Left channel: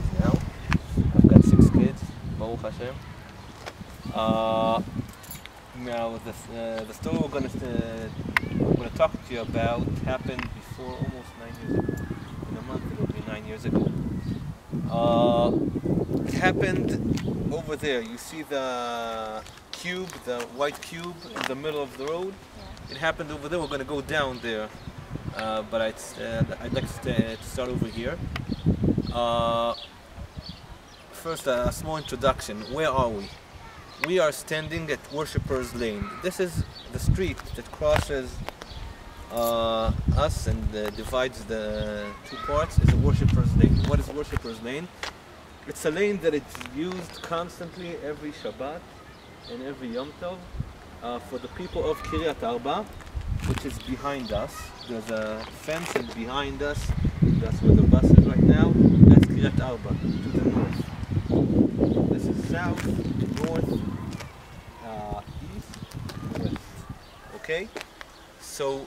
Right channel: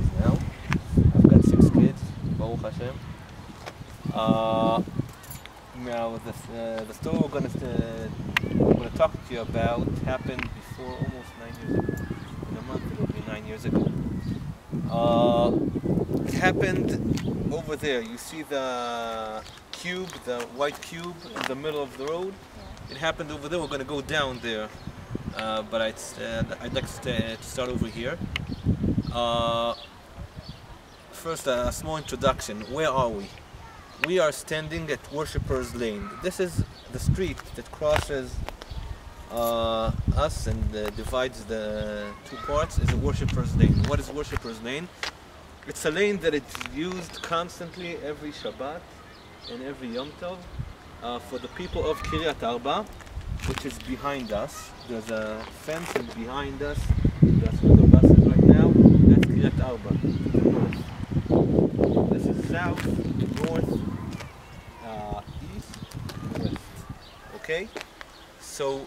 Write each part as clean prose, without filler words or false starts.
professionals now. I've got 6 kids, Baruch Hashem. Now the story we're going to talk to you about happened before almost 9 years ago. In a month it'll be 9 years ago. It happened over there. You see the cube, the white cube in the middle of the road? Yeah. It happened over there. We're going to go down there. But I'd like to start over here. First, a small introduction. Where are we? We are standing at Worshipper's Lane. This is the street that crosses us and divides the two parts. Is Worshipper's Lane. What is Worshipper's Lane? It's a lane that is used constantly every Shabbat and every Yom Tov for the people of Kiryat Arba, which is behind us. There's a fence, and behind us, that's where the bus is right now. That's Kiryat Arba to the north. This is south, north, east, west. Okay? So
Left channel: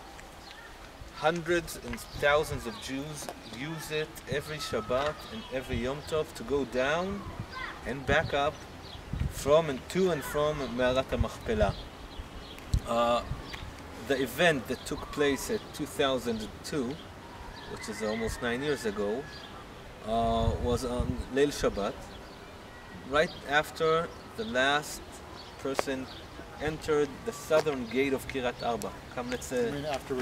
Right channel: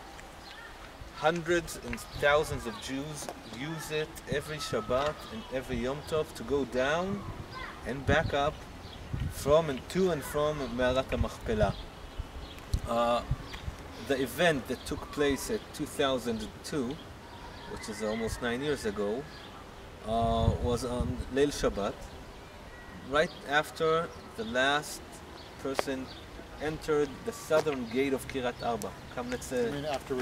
hundreds and thousands of Jews use it every Shabbat and every Yom Tov to go down and back up from and to and from Me'arat HaMachpelah. The event that took place at 2002, which is almost 9 years ago, was on Leil Shabbat, right after the last person entered the southern gate of Kiryat Arba. Come, let's say. I mean, after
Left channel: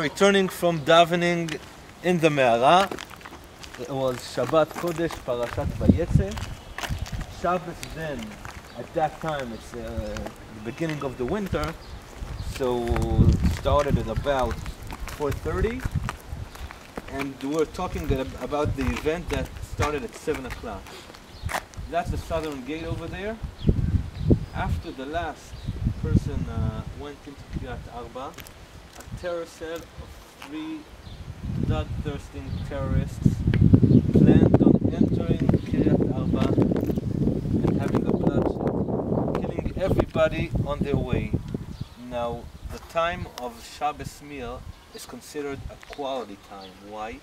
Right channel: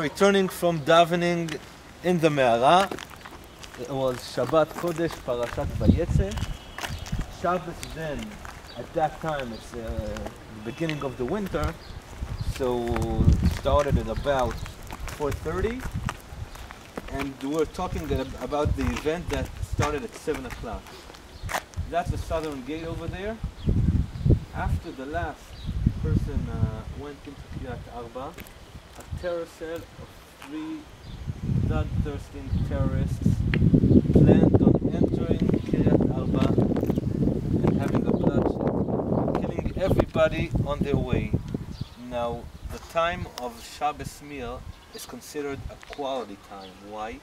returning from davening in the Me'ara. It was Shabbat Kodesh, Parashat Vayetze. Shabbos then, at that time, it's the beginning of the winter, so started at about 4:30, and we're talking about the event that started at 7 o'clock. That's the southern gate over there. After the last person went into Kiryat Arba, a terror cell of 3 bloodthirsty terrorists planned on entering Kiryat Arba and having a bloodshed, killing everybody on their way. Now, the time of Shabbos meal is considered a quality time. Why?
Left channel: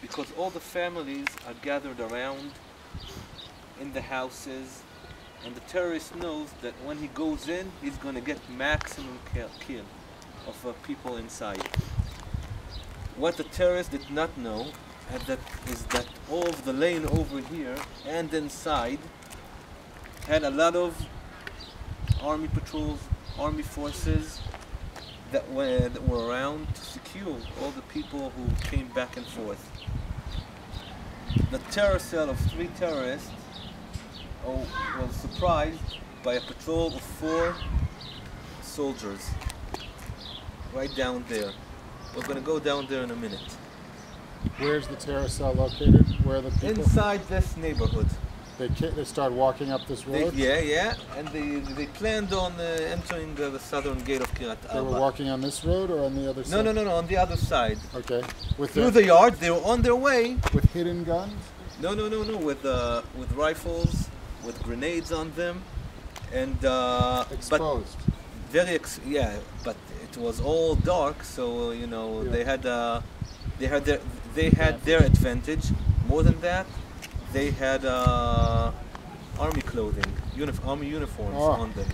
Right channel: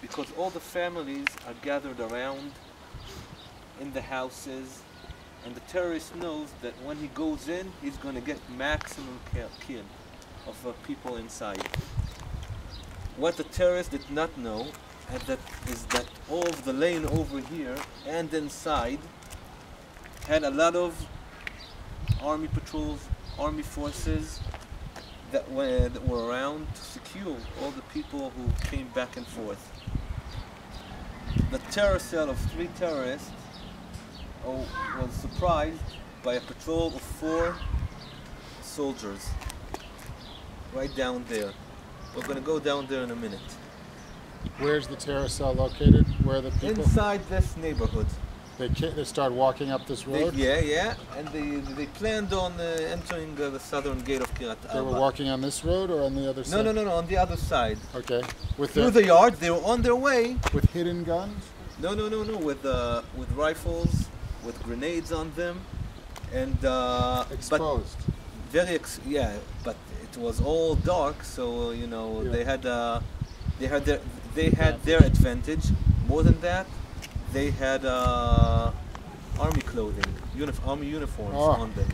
Because all the families are gathered around in the houses, and the terrorist knows that when he goes in, he's going to get maximum kill of people inside. What the terrorist did not know is that all of the lane over here and inside had a lot of army patrols, army forces that were around to secure all the people who came back and forth. The terror cell of 3 terrorists was surprised by a patrol of 4 soldiers right down there. We're going to go down there in a minute. Where's the terror cell located? Where are the people? Inside this neighborhood. They start walking up this road? Yeah, and they planned on entering the southern gate of Kiryat Arba. They were walking on this road or on the other side? No, on the other side. Okay. Through the yard, they were on their way. With hidden guns? No, with rifles, with grenades on them, and exposed. But it was all dark, so they had their advantage. More than that, they had army clothing, army uniforms on them.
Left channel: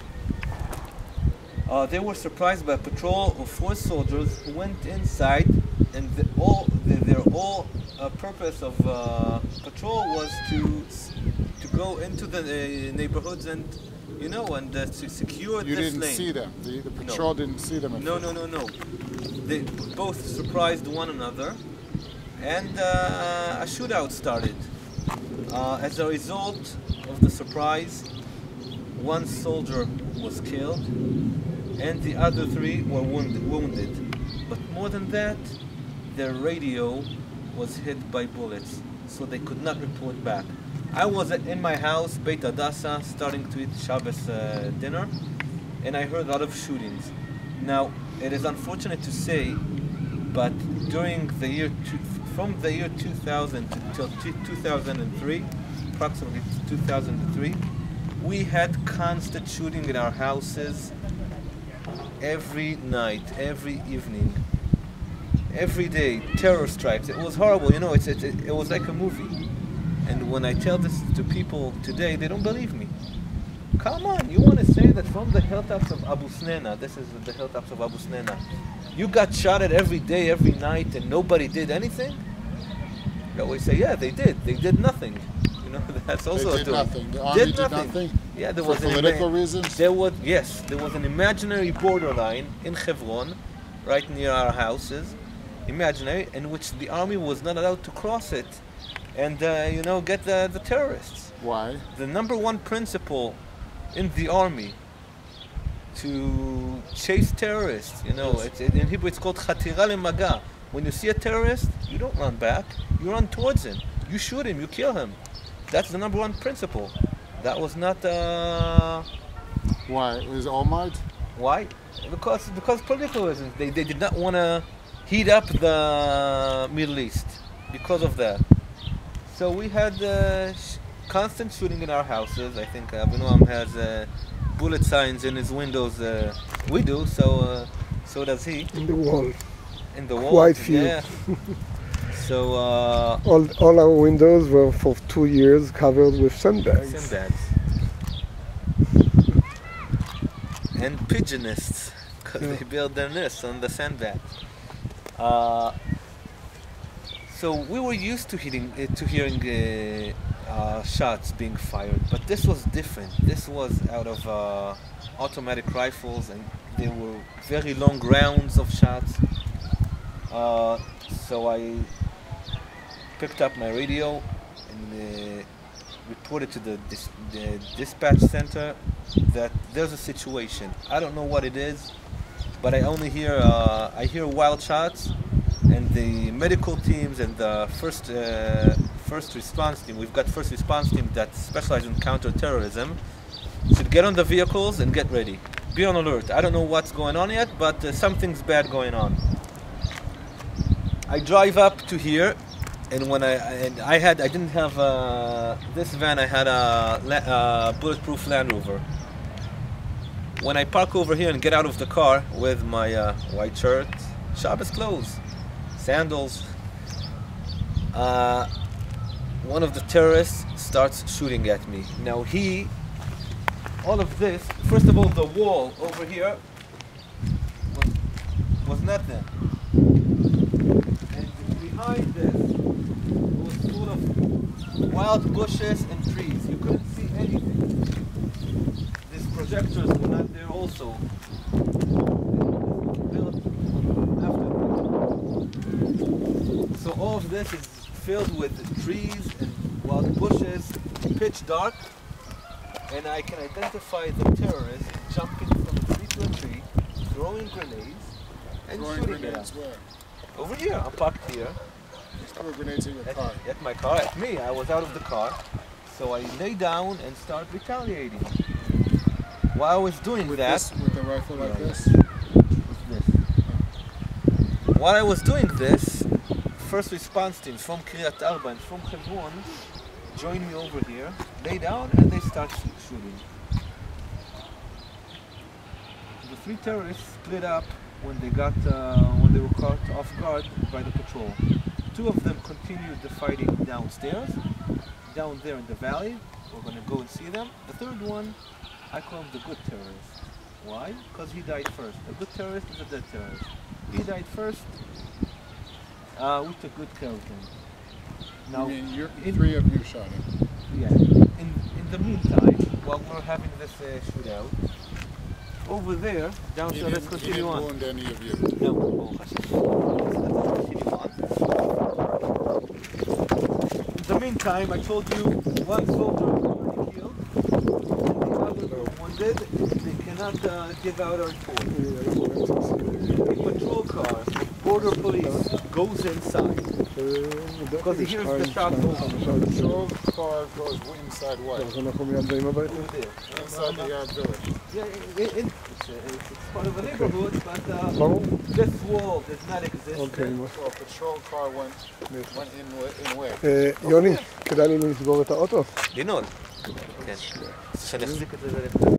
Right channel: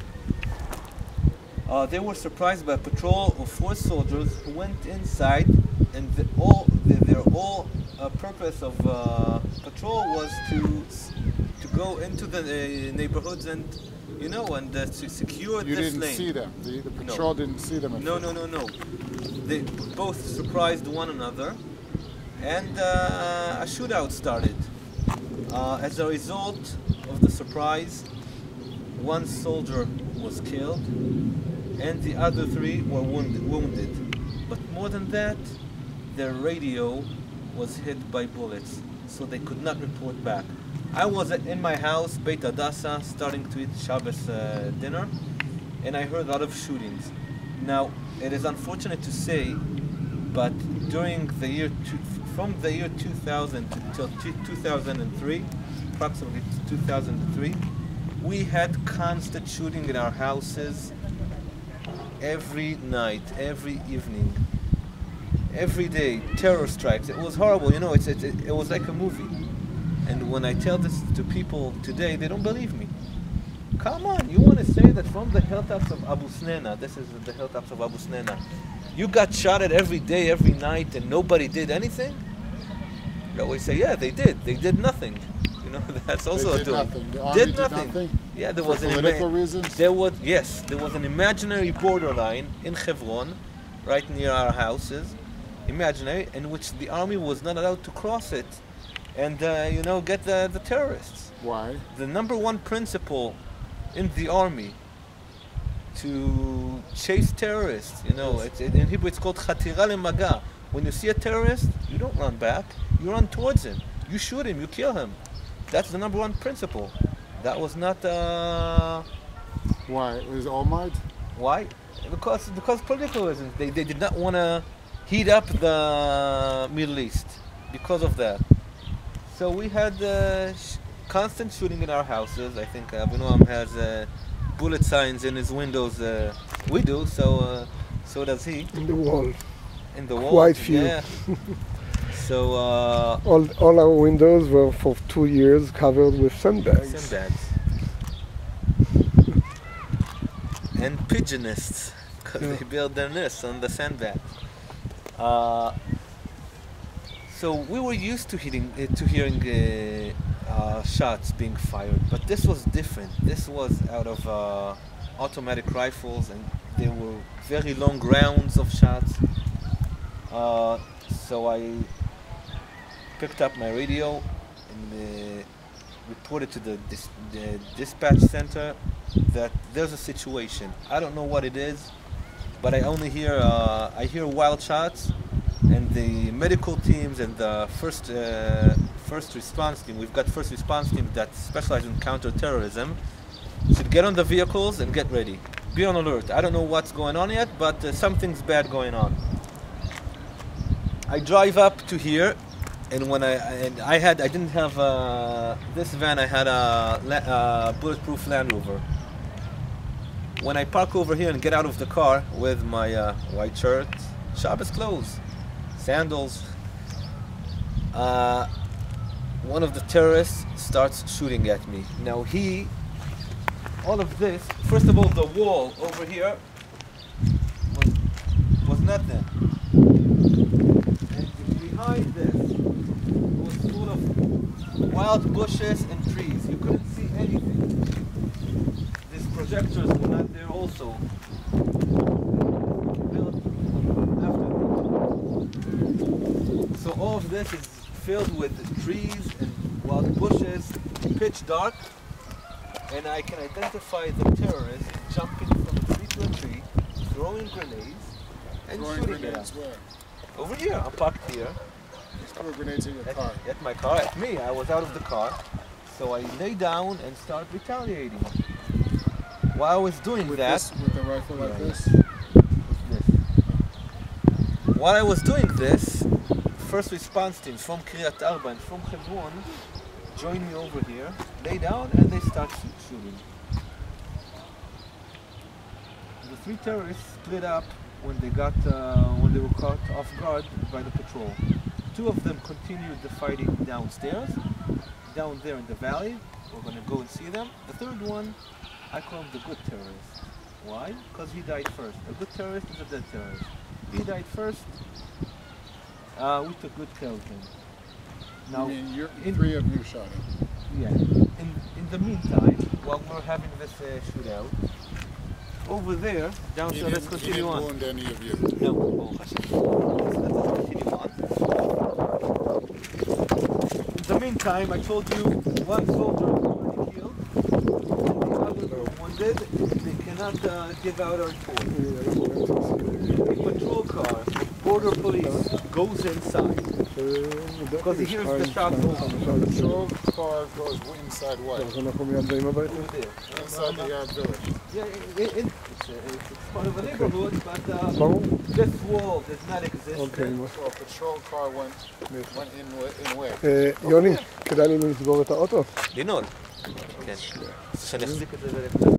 They were surprised by a patrol of 4 soldiers who went inside, and their purpose of patrol was to go into the neighborhoods and to secure this lane. You didn't see them. The patrol didn't see them. No. They both surprised one another, and a shootout started. As a result of the surprise, 1 soldier was killed, and the other 3 were wounded. But more than that, their radio was hit by bullets, so they could not report back. I was in my house, Beit Hadassah, starting to eat Shabbos dinner, and I heard a lot of shootings. Now, it is unfortunate to say, but during the year from the year 2000 till 2003, approximately 2003, we had constant shooting in our houses every night, every evening, every day, terror strikes. It was horrible, it was like a movie. And when I tell this to people today, they don't believe me. Come on, you want to say that from the hilltops of Abu Snena, this is the hilltops of Abu Snena, you got shot at every day, every night, and nobody did anything? They always say, yeah, they did. They did nothing. You know, that's also They did nothing. The army did nothing. Yeah, there For was political reasons? There was an imaginary borderline in Hebron, right near our houses, imaginary, in which the army was not allowed to cross it and, get the terrorists. Why? The number one principle in the army to chase terrorists, in Hebrew it's called chatira lemaga. When you see a terrorist, you don't run back, you run towards him. You shoot him, you kill him. That's the number one principle. That was not... Why? It was Olmert? Why? Because political reasons. They did not want to heat up the Middle East because of that. So we had constant shooting in our houses. I think Avinoam has bullet signs in his windows. We do, so does he. In the wall. In the wall. Quite few. Yeah. So all our windows were for 2 years covered with sandbags. Sandbags. And pigeonists, because they build their nests on the sandbags. So we were used to hearing shots being fired, but this was different. This was out of automatic rifles, and there were very long rounds of shots. So I picked up my radio and reported to the dispatch center that there's a situation. I don't know what it is, but I only hear wild shots, and the medical teams and the first response team. We've got first response team that specialize in counter-terrorism. Should get on the vehicles and get ready. Be on alert. I don't know what's going on yet, but something's bad going on. I drive up to here, and when I didn't have this van. I had a bulletproof Land Rover. When I park over here and get out of the car with my white shirt, Shabbos clothes, sandals, one of the terrorists starts shooting at me. Now all of this, first of all, the wall over here was nothing. And behind this was full of wild bushes and trees. You couldn't see anything. These projectors were not there also. Built after. So all of this is filled with trees and wild bushes, pitch dark, and I can identify the terrorists jumping from a tree to a tree, throwing grenades and shooting at us. Where? Over here, I'm parked here. You threw grenades in your car. At my car, at me. I was out of the car, so I lay down and start retaliating. While I was doing With the rifle like this? With this. While I was doing this, first response teams from Kiryat Arba and from Hebron joined me over here, lay down, and they start shooting. The three terrorists split up when they were caught off guard by the patrol. Two of them continued the fighting downstairs, down there in the valley. We're going to go and see them. The third one, I call him the good terrorist. Why? Because he died first. A good terrorist is a dead terrorist. He died first. We took good care of him. Now, you mean three of you shot him? Yeah. In the meantime, while we're having this shootout, over there, downstairs, let's continue on. He didn't wound any of you? No. Let's continue on. In the meantime, I told you one soldier is already killed, and the others are wounded. They cannot give out our report. A patrol car, border police, goes inside. Because he hears the shots over. The patrol car goes inside what? אנחנו מיד באים הביתה. Over there. Inside the village. Yeah, it's part of a neighborhood, but this wall does not exist. Okay. So a patrol car went in where? יוני, כדאי לי לסגור את האוטו? לנעול. כן. שאני אחזיק את זה ולכתוב.